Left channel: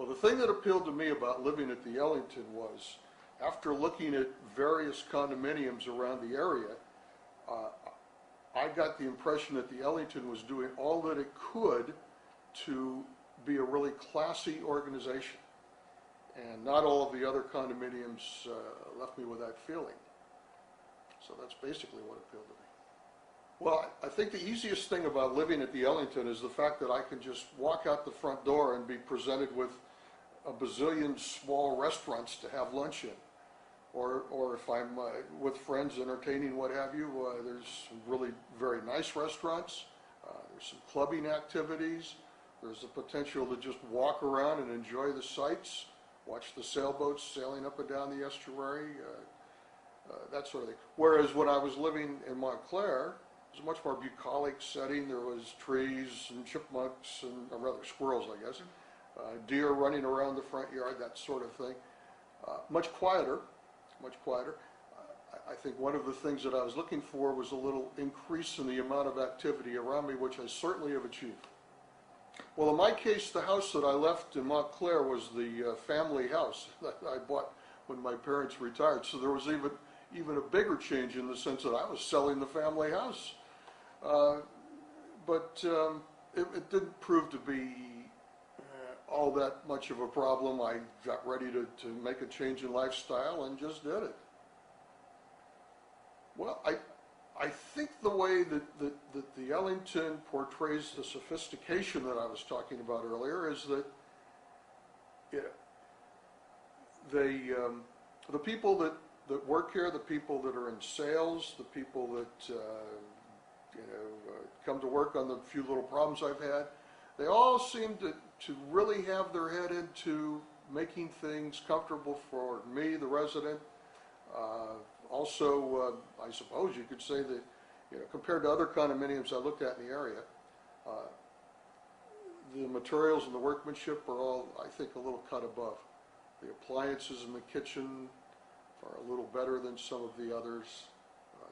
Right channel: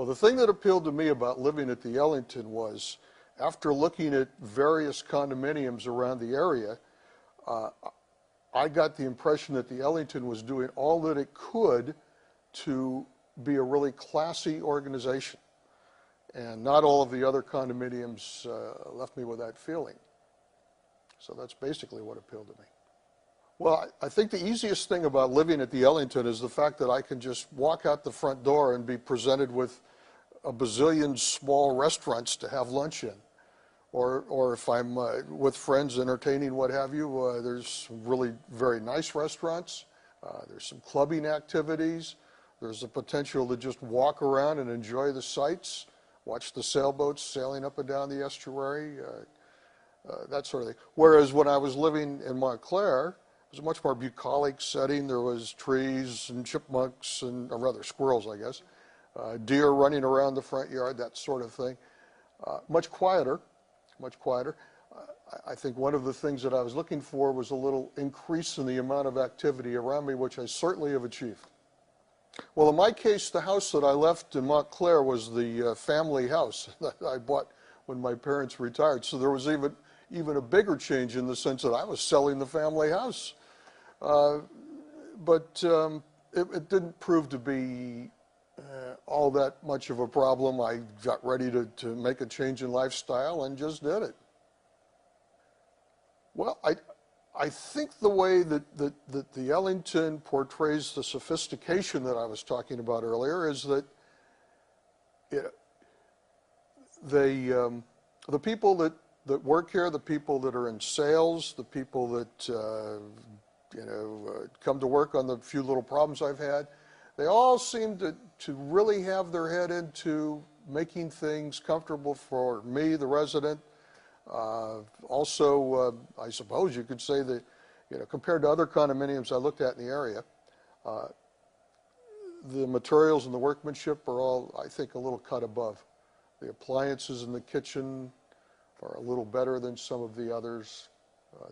Well, the thing that appealed to me about living at the Ellington was, after looking at various condominiums around the area, I got the impression that the Ellington was doing all that it could to be a really classy organization. And not all of the other condominiums left me with that feeling. So that's basically what appealed to me. Well, I think the easiest thing about living at the Ellington is the fact that I can just walk out the front door and be presented with a bazillion small restaurants to have lunch in. Or if I'm with friends entertaining, what have you, there's really very nice restaurants. There's some clubbing activities. There's the potential to just walk around and enjoy the sights, watch the sailboats sailing up and down the estuary, that sort of thing. Whereas when I was living in Montclair, it was a much more bucolic setting. There was trees and chipmunks, and or rather squirrels, I guess, deer running around the front yard, that sort of thing. Much quieter. Much quieter. I think one of the things that I was looking for was a little increase in the amount of activity around me, which I certainly have achieved. Well, in my case, the house that I left in Montclair was the family house that I bought when my parents retired. So there was even a bigger change in the sense that I was selling the family house. But it didn't prove to be all that much of a problem. I got ready to make a change in lifestyle and just did it. Well, I think the way that the Ellington portrays the sophistication that I was talking about earlier is that the people that work here, the people that are in sales, the people that come to work on the few little problems I've had, they all seem to really have their head into making things comfortable for me, the resident. Also, I suppose you could say that, compared to other condominiums I looked at in the area, the materials and the workmanship are all, I think, a little cut above. The appliances in the kitchen are a little better than some of the others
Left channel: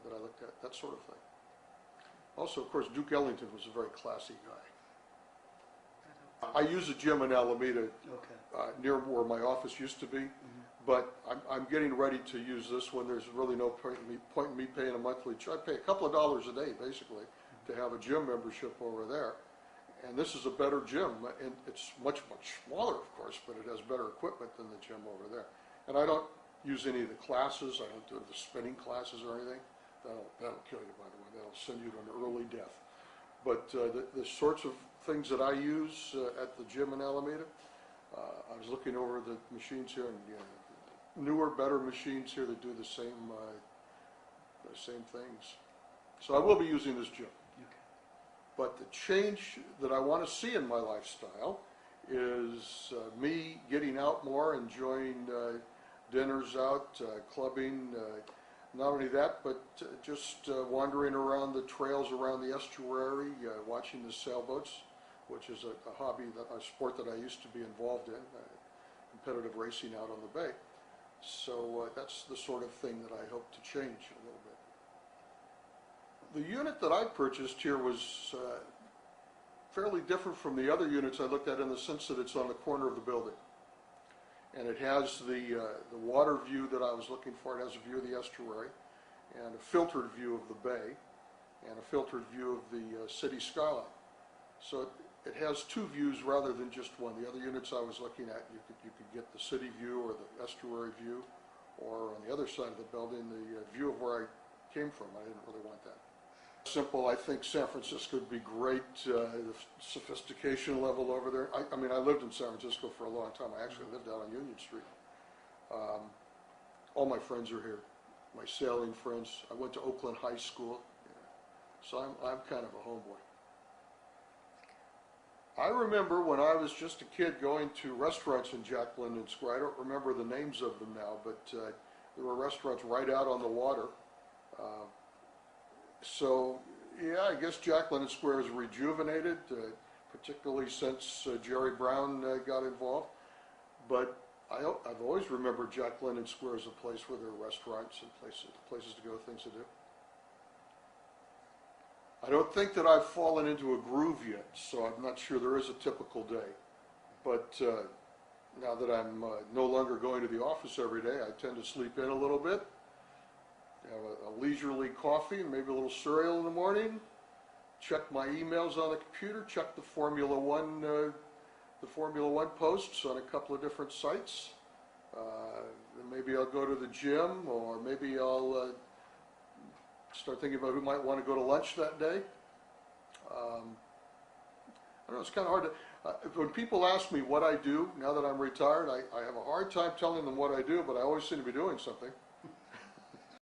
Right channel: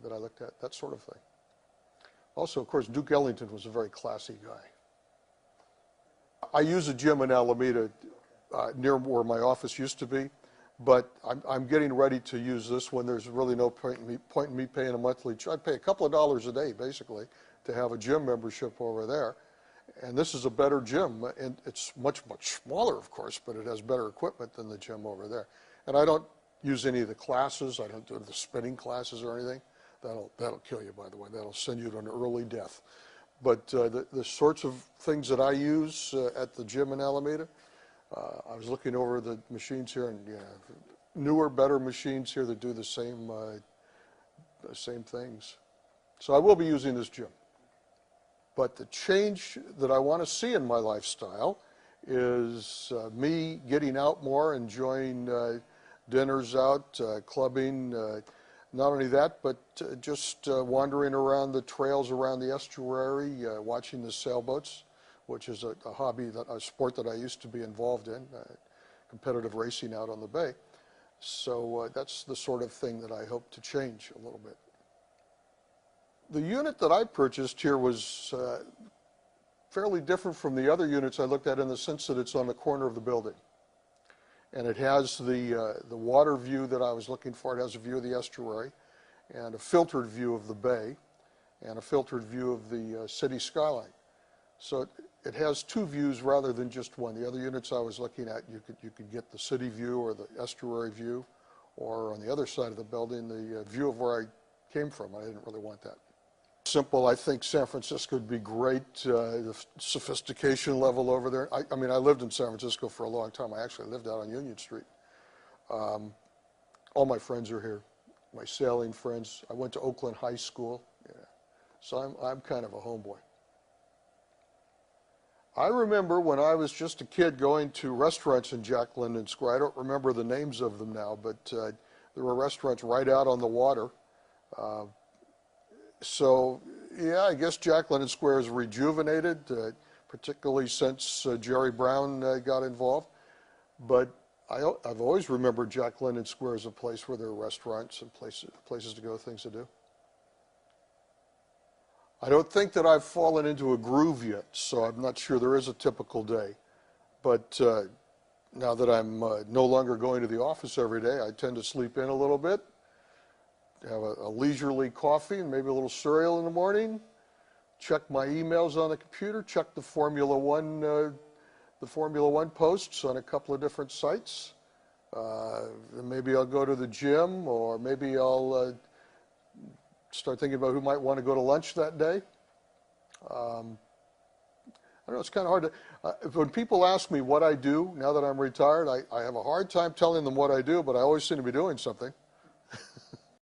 that I looked at, that sort of thing. Also, of course, Duke Ellington was a very classy guy. I use a gym in Alameda near where my office used to be, but I'm getting ready to use this one. There's really no point in me paying a monthly charge. I pay a couple of dollars a day, basically, to have a gym membership over there. And this is a better gym, and it's much, much smaller, of course, but it has better equipment than the gym over there. And I don't use any of the classes. I don't do the spinning classes or anything. That'll kill you, by the way. That'll send you to an early death. But the sorts of things that I use at the gym in Alameda, I was looking over the machines here, and newer, better machines here that do the same things. So I will be using this gym. But the change that I want to see in my lifestyle is me getting out more, enjoying dinners out, clubbing. Not only that, but just wandering around the trails around the estuary, watching the sailboats, which is a hobby, a sport that I used to be involved in, competitive racing out on the bay. So that's the sort of thing that I hope to change a little bit. The unit that I purchased here was fairly different from the other units I looked at in the sense that it's on the corner of the building. And it has the water view that I was looking for. It has a view of the estuary and a filtered view of the bay and a filtered view of the city skyline. So it has two views rather than just one. The other units I was looking at, you could get the city view or the estuary view, or on the other side of the building, the view of where I came from. I didn't really want that. Simple. I think San Francisco would be great. The sophistication level over there. I mean, I lived in San Francisco for a long time. I actually lived out on Union Street. All my friends are here. My sailing friends. I went to Oakland High School. So I'm kind of a homeboy. I remember when I was just a kid going to restaurants in Jack London Square. I don't remember the names of them now, but there were restaurants right out on the water. So, yeah, I guess Jack London Square is rejuvenated, particularly since Jerry Brown got involved. But I've always remembered Jack London Square as a place where there are restaurants and places to go, things to do. I don't think that I've fallen into a groove yet, so I'm not sure there is a typical day. But Now that I'm no longer going to the office every day, I tend to sleep in a little bit, have a leisurely coffee and maybe a little cereal in the morning, check my emails on the computer, check the Formula One posts on a couple of different sites. Then maybe I'll go to the gym, or maybe I'll start thinking about who might want to go to lunch that day. I don't know, it's kind of hard to, when people ask me what I do now that I'm retired, I have a hard time telling them what I do, but I always seem to be doing something.